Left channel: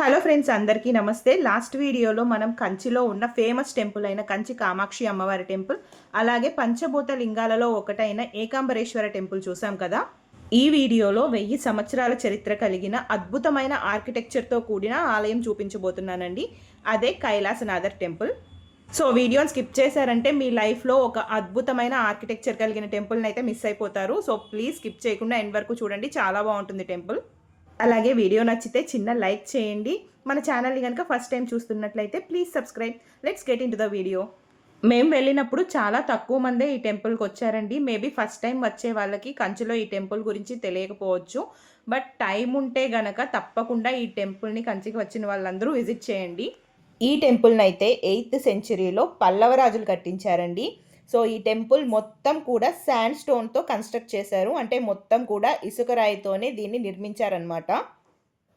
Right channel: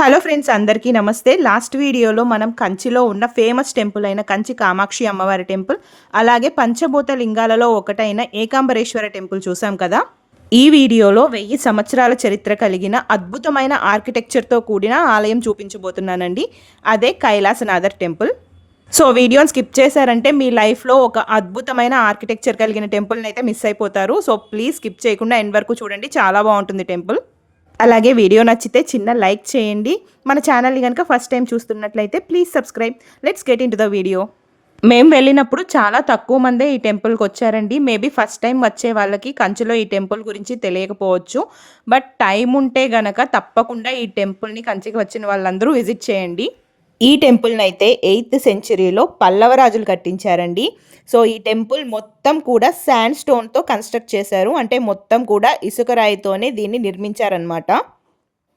Hello friends, అందరికీ నమస్తే. Last వీడియోలో మనం కంచిలో ఉన్న ఫేమస్ టెంపుల్ అయిన కంచి కామాక్షి అమ్మవారి టెంపుల్, అలాగే పంచభూత లింగాలలో ఒకటైన ఏకాంబరేశ్వర టెంపుల్ చూసాం కదా. ఈ వీడియోలో 1000 సంవత్సరాల చరిత్ర కలిగిన అద్భుతమైన ఆర్కిటెక్చర్తో కూడిన ఆలయం చూపించబోతున్నానండి. అదే కైలాసనాథర్ టెంపుల్. సో వీడియోని స్కిప్ చేశారంటే మీ లైఫ్లో ఒక అద్భుతమైన ఆర్కిటెక్చర్ కలిగిన టెంపుల్ని అయితే మిస్ అయిపోతారు. సో ప్లీజ్ స్కిప్ చేయకుండా ఎండ్ వరకు చూడండి, చాలా బాగుంటుంది టెంపుల్. అలాగే వీడియో నచ్చితే చిన్న లైక్ చేయండి. మన ఛానల్ని కనుక ఫస్ట్ టైం చూస్తున్నట్లయితే please subscribe. Let's get in to the video. మేము వెళ్ళినప్పుడు చాలా తక్కువ మందే ఈ టెంపుల్కి వచ్చారండి. మేబీ ఫస్ట్ టైం వచ్చే వాళ్ళకి కంచిలో ఈ టెంపుల్ గురించి తెలియకపోవచ్చు. బట్ టైం ఉంటే గనక తప్పకుండా ఈ టెంపుల్ని కంచికి వచ్చిన వాళ్ళందరూ విజిట్ చేయండి. ఈ టెంపుల్ని అయితే 8th సెంచరీలో పల్లవ రాజులు కట్టించారండి. సో ఈ టెంపుల్ మొత్తం కూడా శాండ్ స్టోన్తో కన్స్ట్రక్ట్ చేశారు. అంటే మొత్తం కూడా ఇసుక రాయితోనే దీన్ని నిర్మించారనమాట.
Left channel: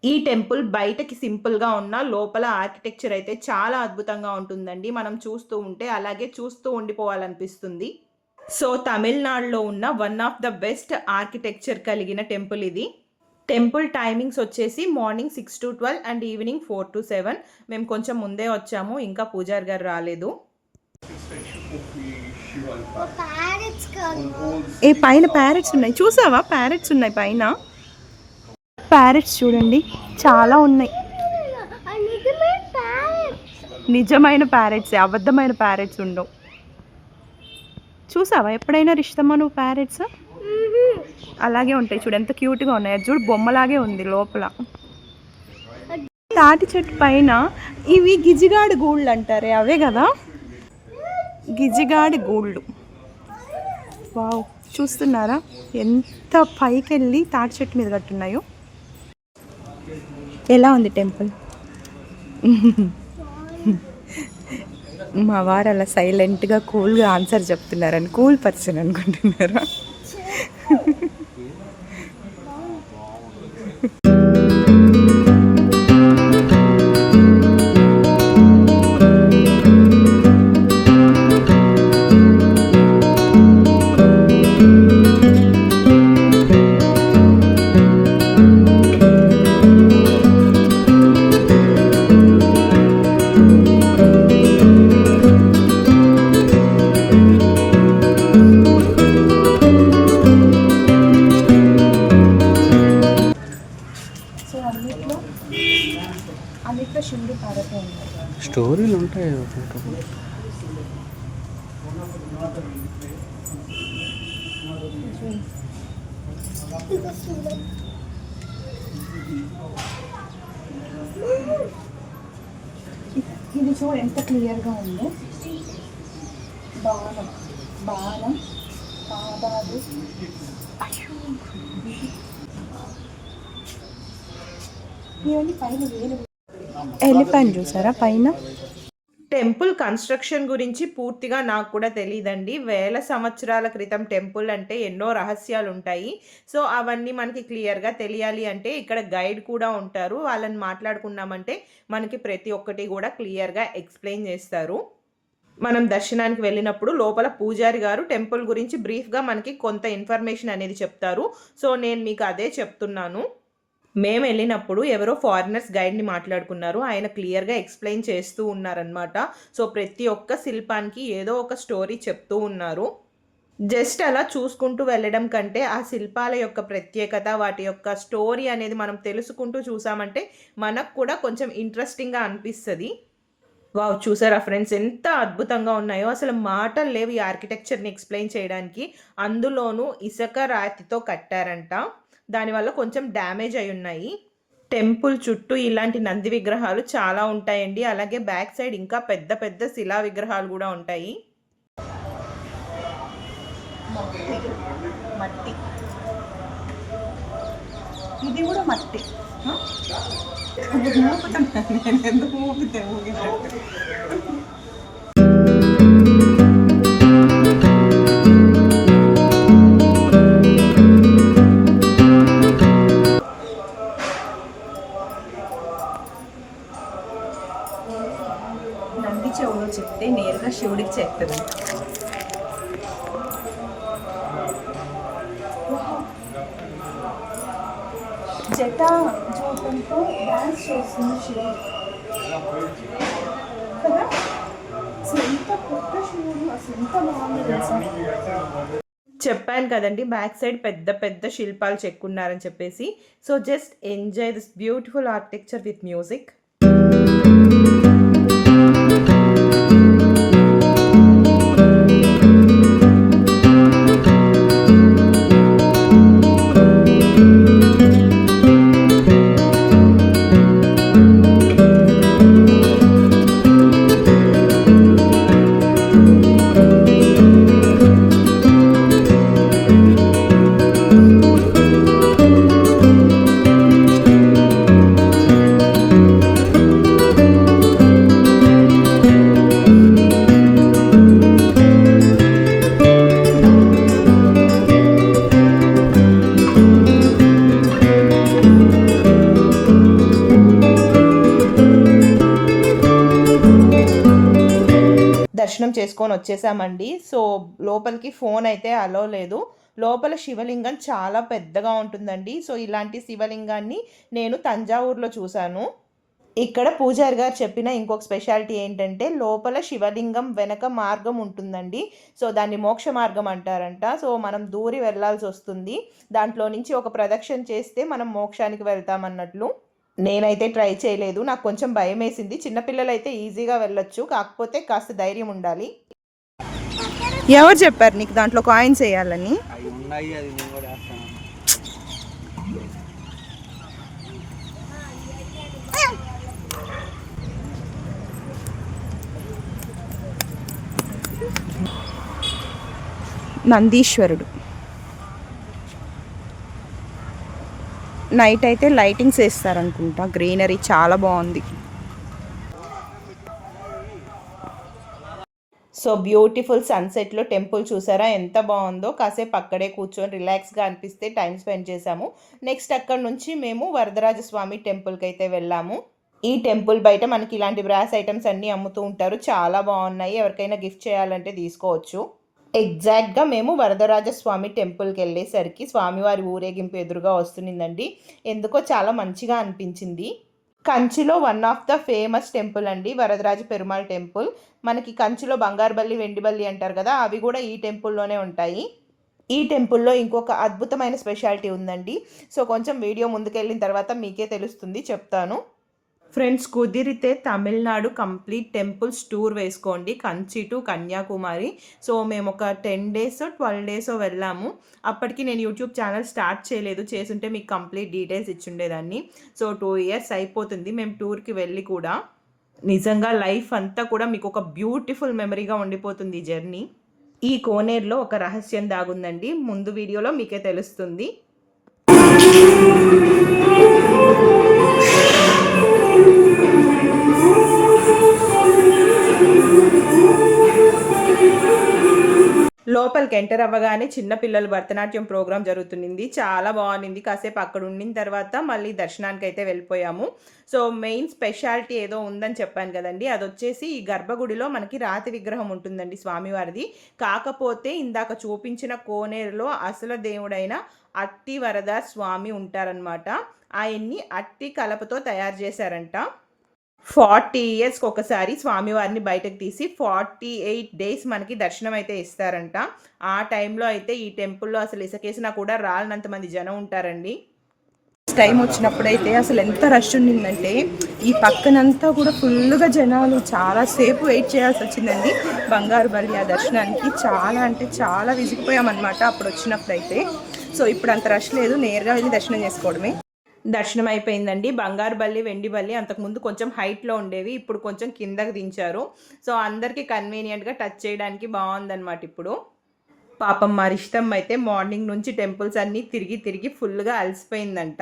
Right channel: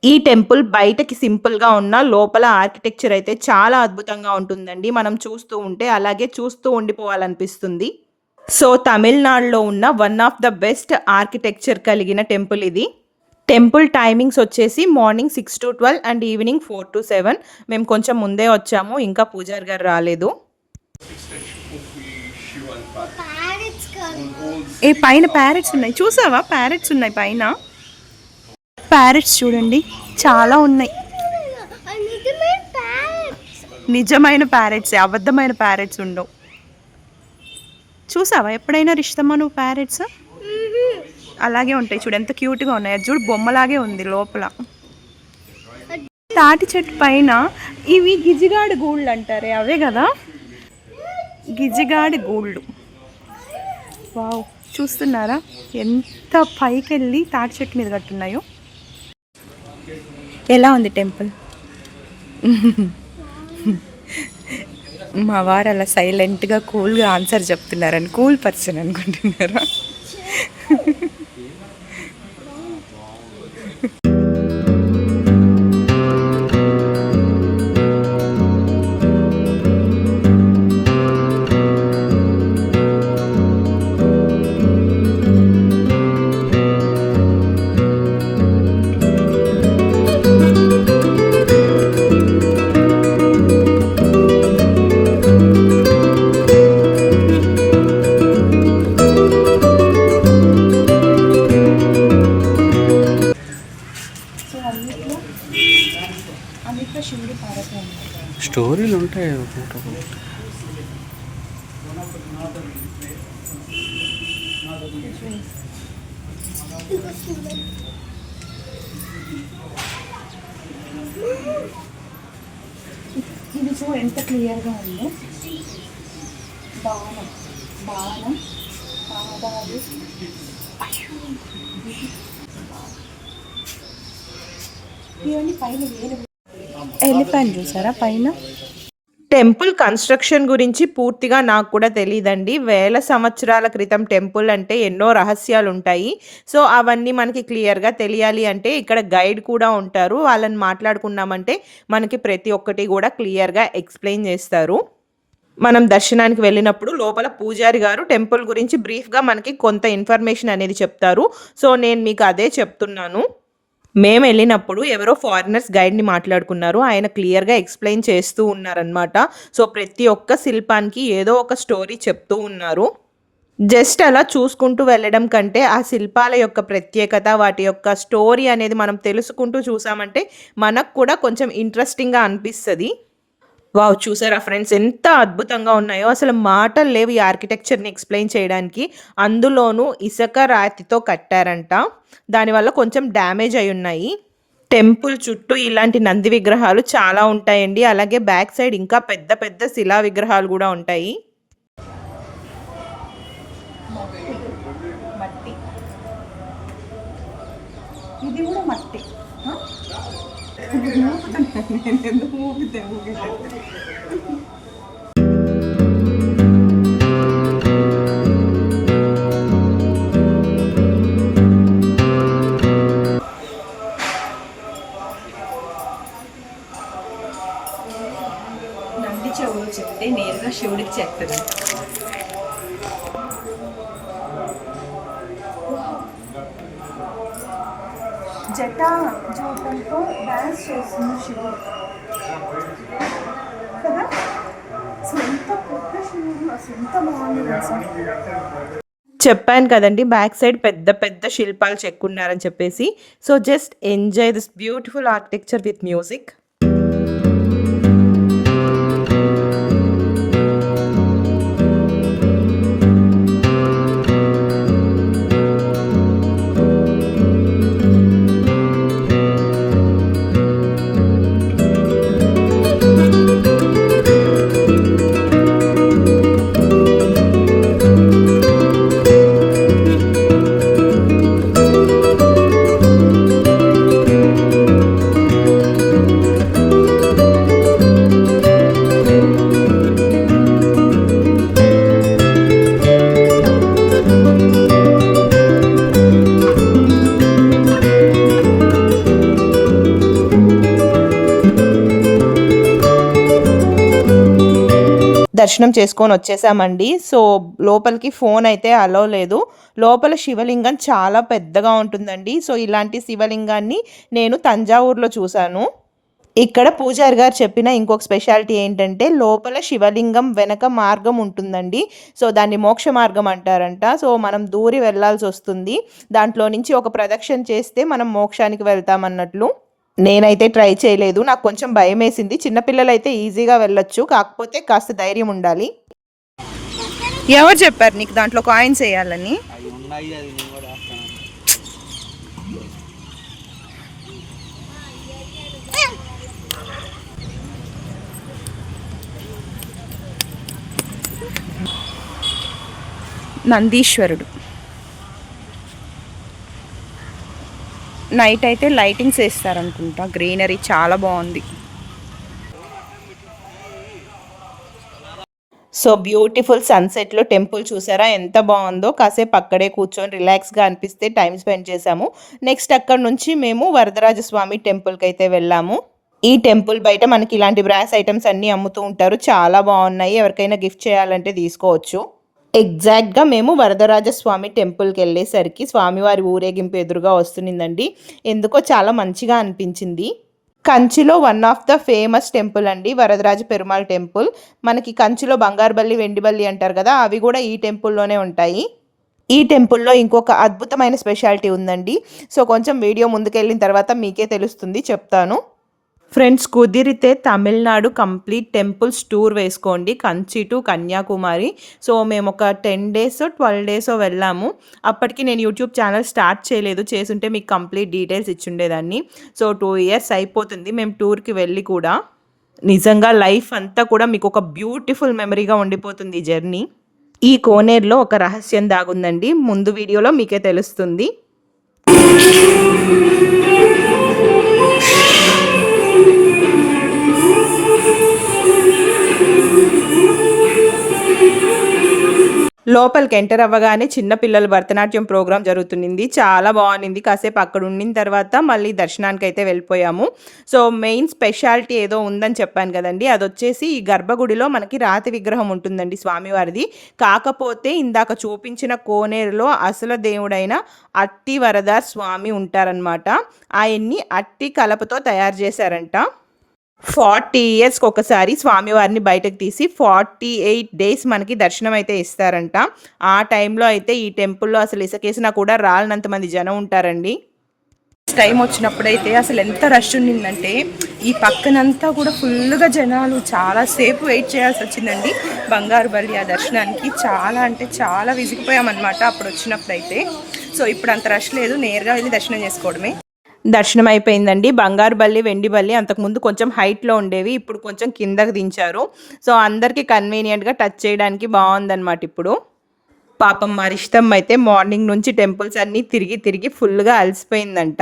ఈ టెంపుల్ బయటకి సింపుల్గా ఉన్న లోపల ఆర్కిటెక్చర్ అయితే చాలా అద్భుతంగా ఉంటుందండి. మనం చూస్తూ ఉంటే అలాగే చూస్తూ ఉండిపోవాలనిపిస్తుంది. సో తమిళనాడులో ఉన్న one of the best architecture కలిగిన టెంపుల్ ఇది. టెంపుల్ టైమింగ్స్ వచ్చేసి morning 6 to 12 and evening 4 to 7. మేము కొంచెం ముందే వచ్చాము, ఇంకా పూజారి గారు రాలేదు. ఏ పైన ప్యారెట్స్ ఉన్నాయి, చూసావా? ప్యారెట్స్ ఉన్నాయి పైన. ప్యారెట్స్ చూడండి, చాలా ఉన్నాయి. నిజమైన ప్యారెట్స్, అబద్ధమైన ప్యారెట్స్ ఉండవు. చూసావా ఎప్పుడైనా రిష్టమా నువ్వు? ప్యారెట్స్ అలాగే ఉంటాయి చూడు, ఎంత క్యూట్గా ఉన్నాయి. అది చూడు, బొమ్మలాగే ఉంది లోపల. తాటి చెట్టు పైన ఇవి గిజిగాడి గూళ్ళు అంటారే, అవే కదా గిజిగాడి గూళ్ళు. వావ్, చూస్తున్నారా ఎంత పైకి వెళ్ళి తాటి చెట్టు మీద కట్టున్నాయో. ఎలా ఉంది టెంపుల్? మా వారు అలా సైలెంట్గా కూల్గా ఆన్సర్ చెప్తున్నారని, కూల్ పర్సన్ అనుకుంటున్నారా? స్టోరీలు ఉంటాయి. ఇది సో ఎంత క్లియర్గా ఉందో. బాణం బాణం పాదాలు. ఇవన్నీ పైన ఎలిఫెంట్ చూసారా పైన. టెంపుల్ కన్స్ట్రక్షన్ గురించి పూర్తిగా నాకు కూడా తెలియదండి. 1000 సంవత్సరాల క్రితం టెంపుల్ అంటే ఎన్నో రహస్యాలు ఉంటాయి. సో అవన్నీ మనకి క్లియర్గా తెలియాలి అంటే ఇక్కడ గైడ్ కూడా ఉంటారు. వాళ్ళని మాట్లాడుకున్నామంటే మనకి ప్రతి ఒక్కటి కూడా క్లియర్గా ఎక్స్ప్లెయిన్ చేస్తారు. మనం దర్శనానికి వెళ్ళినప్పుడు లోపల పూజారి గారు టెంపుల్ గురించి బ్రీఫ్గా మనకి కొంత ఇన్ఫర్మేషన్ అనేది చెప్తారు. సో నేను మీకు అదే చెప్తున్నాను. మేము వెళ్ళినప్పుడు ఎవరో ఫారినర్స్ గైడ్ని మాట్లాడుకున్నారు. ఆయన క్లియర్గా ఎక్స్ప్లెయిన్ చేస్తూ ఉన్నారనమాట. సో ప్రతి ఒక్క శిల్పానికి ఏదో ఒక స్టోరీ చెప్తూ ఉన్నారు. జస్ట్ అలా చూసుకుంటూ వెళ్ళడం కంటే ఆ శిల్పాల యొక్క ప్రత్యేకత, వాటి యొక్క స్టోరీ అనేది మనం తెలుసుకుంటూ చూసామంటే మనకు కూడా కొంచెం ఇంట్రెస్టింగ్గా అనిపిస్తుంది. వావ్, చూసారా ఫ్రెండ్స్ ఎంత అద్భుతంగా ఉన్నాయో. అసలు మాటలు లేవు ఈ ఆర్కిటెక్చర్ని ఎక్స్ప్లెయిన్ చేయడానికి. అందులోనూ ఇసుక రాతితో కట్టారంట, దానివల్ల కొంచెం డ్యామేజ్ అయి ఉన్నాయి. టెంపుల్ చుట్టూ ఇలాంటి నంది విగ్రహాలు చాలా ఉంటాయండి. అలాగే బ్యాక్ సైడ్ ఇంకా పెద్ద పెద్ద శిలా విగ్రహాలు కూడా ఉంటాయి. మట్టి, ఇది కూడా మట్టి. నేను ఎందుకు ఊపితే ఊగినట్టు. నంది చెవులో చెప్తే నేరుగా శివుడికి చెప్తుందంట. జటా జూటంతో డాన్స్ చేస్తున్న శివుడు కదా. అసలు ఎంత పెద్ద శివుడు, అసలు ఎంత బాగుంది తెలుసా. చెప్పాను కదండి బ్యాక్ సైడ్ పెద్ద పెద్ద శిల్పాలు చెక్కున్నారని చెప్పేసి. So just enjoy this beautiful architecture with music. దర్శనం చేసుకొని వచ్చేసామండి. సో లోపలికి ఫోన్ అయితే అలో లేదు. లోపల శివలింగం చాలా పెద్దగా ఉంటుందండి. సో ఇలాంటి శివలింగాన్ని నేను తంజావూరులో చూశాను. ఇక్కడ పూజారి గారు చెప్పిన ఇంకొక స్పెషాలిటీ ఏంటంటే లోపల శివలింగం వెనక మార్గం ఉంటుందండి. సో దాన్ని మోక్ష మార్గం అంటారంట. సో మనం దూరి వెళ్ళాల్సి వస్తుంది. దాంట్లో నుంచి ఒక ప్రదక్షిణ చేస్తే మనం మోక్షానికి వెళ్తామన్నట్లు. నేనైతే ట్రై చేయలేదు, నాకు కొంచెం భయం వేసింది. చిన్నపిల్లలు అయితే ఈజీగా వెళ్ళొచ్చు, కాకపోతే కాస్త ధైర్యం ఉండాలి. ఎవరు చెప్పారు నీకు దాంట్లో కాయిన్స్ వేయాలని? నందీశ్వరుడు నైట్ అయితే లైటింగ్స్ వేస్తారనుకుంటా. గ్రీనరీ చాలా బాగుంది. సో బ్యూటిఫుల్ సన్సెట్లో టెంపుల్ చూసారా ఎంత బాగుందో. కాసేపు అక్కడే కూర్చొని రిలాక్స్గా అనిపిస్తే టైం స్పెండ్ చేసాము. నెక్స్ట్ అక్కడ నుంచి మేము వరదరాజస్వామి టెంపుల్కి అయితే వెళ్ళాము. ఈ టెంపుల్ బయట మనకి ఇలాంటి బ్రాస్ ఐటమ్స్ అన్నీ అమ్ముతూ ఉంటారు. చాలా బాగున్నాయి, ఎవరికైనా గిఫ్ట్ చేయాలంటే తీసుకోవచ్చు. ఎగ్జాక్ట్గా మేము వరదరాజస్వామి టెంపుల్కి వెళ్ళేసరికి స్వామివారి ఊరేగింపు ఎదురుగా వస్తుందండి. ఎందుకో చాలా మంచిగా అనిపించింది. కంచిలో one of the famous temple అండి వరదరాజ పెరుమాళ్ టెంపుల్. మనకి కంచిలో బంగారు బల్లి వెండి బల్లి అంటారు కదా, అవి కూడా ఈ టెంపుల్లోనే ఉంటాయి. ఈ టెంపుల్లో ఇంకొక అద్భుతమైన స్పెషాలిటీ ఉందండి. సో కొంచెం వీడియో ముందుకెళ్ళిన తర్వాత మీకే తెలుస్తుంది, చెప్తాను. ఫ్రెండ్స్ కుదిరితే తమిళనాడు కంప్లీట్ టెంపుల్స్ టూర్ వేసుకోండి, కంచి టు కన్యాకుమారి. సో మేము ఒక 10 days 12 days వెళ్ళాము. అప్పటికి నేను యూట్యూబ్ ఛానల్ స్టార్ట్ చేయలేదు, చేసుంటే మీకు కంప్లీట్ డీటెయిల్స్ ఇచ్చుండేదాన్ని. సో 2 years అయిపోతుంది మేము టూర్కి వెళ్ళి కూడా. నిజంగా లైఫ్ అంతా కూడా మీకు ఒక బ్యూటిఫుల్ మెమరీగా ఉండిపోతుంది ఈ జర్నీ. ఈ కోనేరులో ఒక రహస్యం దాగుందండి, ముందు వీడియోలో మీకే తెలుస్తుంది. లోపలికి ఎంటర్ అవ్వగానే చిన్నపిల్లల భరతనాట్యం ప్రోగ్రాం జరుగుతుంది. చాలా బాగుంది. కాసేపు అక్కడ ఉండిన తర్వాత మళ్ళీ దర్శనానికి అయితే వెళ్ళిపోయాము. సో మెయిన్ స్పెషాలిటీ ఏదో ఉందని చెప్పాను కదండి, అది వచ్చేసి ఈ గర్భగుడిలో మనకి రాతి విగ్రహం ఉంటుందండి స్వామివారిది. కాకపోతే ఇందాక చూపించిన కోనేరులో అసలు దేవుడైన అట్టి వరదార్ స్వామి ఉంటారనమాట. ఆయన్ని అట్టి కలపతో తయారు చేశారంట. 40 yearsకి ఒకసారి స్వామివారిని బయటకు తీసి 48 days మనకి దర్శనం అయితే ఇస్తారంట. ఆ టైంలో అయితే ఈ టెంపుల్లో అసలు ఇసుకేసినా కూడా రాలినంత మంది జనం ఉంటారండి. టైం వచ్చినప్పుడైతే అసలు ఎంత రష్ ఉండిందంటే ఈ పక్కనంతా కూడా ఫుల్గా జనాలు, చాలాసేపు వెయిట్ చేయాల్సి వచ్చిందండి బంగారు బల్లి ఆ దర్శనానికి. చాలా అంటే చాలా విసిగిపోయామన్నమాట అప్పుడు వచ్చినప్పుడైతే. సో ఇప్పుడు అంత రష్ లేదు, నేరుగా వెళ్ళి దర్శనం చేసుకోవడమే. దర్శనం అయిపోయిందండి. బంగారు బల్లి వెండి బల్లి అంతకుముందు కొంచెం హైట్లో ఉండేవి, ఇప్పుడు కొంచెం కిందకి దించారు. సో అందరికీ కన్వీనియంట్గా టచ్ చేయడానికి బాగుందన్నమాట ఇప్పుడు. పాపం మా ఇష్టం అయితే మార్నింగ్ నుంచి టెంపుల్స్ అన్నీ తిరిగి తిరిగి ఫుల్గా అలసిపోయిందంట.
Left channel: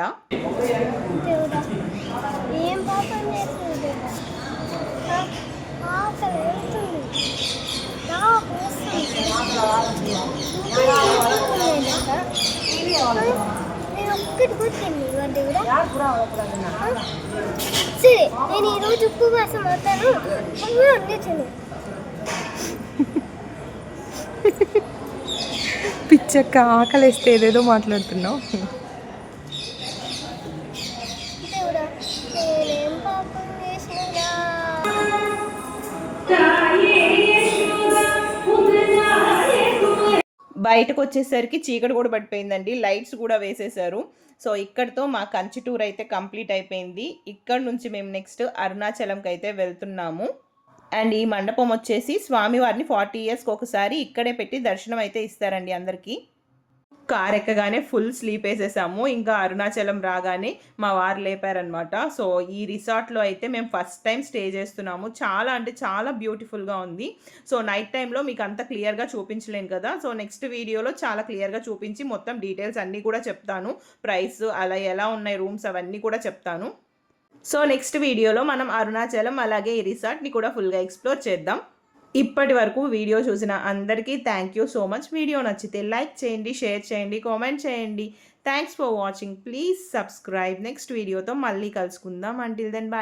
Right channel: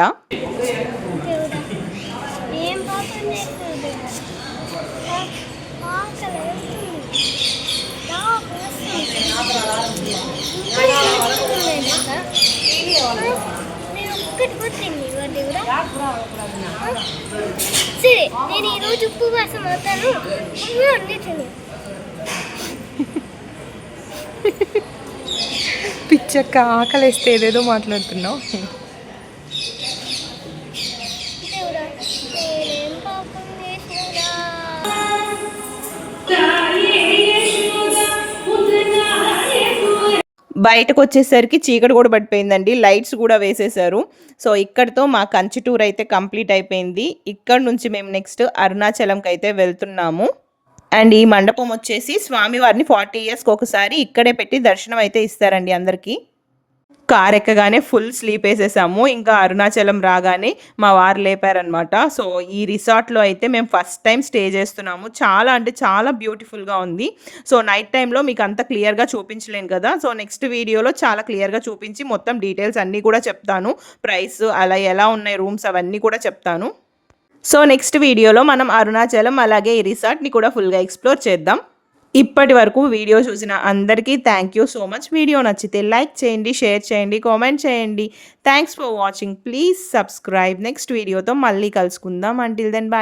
సరే నేను ఈరోజు ఉపవాసం అవుతాను. పిచ్చక్క ఆకలిస్తే ఏదేదో మాట్లాడుతున్నావు. బయటకు వచ్చేసరికి చీకటి కూడా పడిపోయిందండి, లైట్స్ కూడా వేసేసారు. సో ఇక్కడితో మా కంచి టూర్ అయితే కంప్లీట్ అయిపోయింది. ఇక్కడ నుంచి మేము నెక్స్ట్ అరుణాచలంకి అయితే వెళ్తున్నాము. అండ్ ఈ మండపం వచ్చేసి స్వామివారిని 40 ఇయర్స్కి ఒకసారి ఇక్కడే పెట్టి దర్శనం అయితే ఇస్తారండి అందరికీ. కార్ ఎక్కగానే ఫుల్ స్లీప్ వేసేసాము. ఇంకా అరుణాచలం రాగానే మా వారు లేపారనమాట. సో ఈ రిసార్ట్లో అయితే మేము ఫస్ట్ టైం స్టే చేస్తున్నాము. చాలా అంటే చాలా బ్యూటిఫుల్గా ఉంది. సో నైట్ టైంలో మీకు అంత క్లియర్గా చూపించలేను కదా. సో నెక్స్ట్ వీడియోలో చాలా క్లియర్గా చూపించి మొత్తం డీటెయిల్స్ అన్నీ కూడా చెప్తాను. ప్రైస్ అలా ఎలా ఉన్నాయి రూమ్స్ అవన్నీ కూడా చెప్తాను. సో నెక్స్ట్ వీడియోలో మనం అరుణాచలం అలాగే ఈ రిసార్ట్ని కూడా ఫుల్గా ఎక్స్ప్లోర్ చేద్దాం. ఇప్పటి వరకు వీడియో చూసిన అందరికీ thank you so much. Video నచ్చితే లైక్ చేయండి, షేర్ చేయండి, కామెంట్ చేయండి. Thanks for watching. Please subscribe. Next వీడియోతో మళ్ళీ కలుసుకుందాం. Until then bye.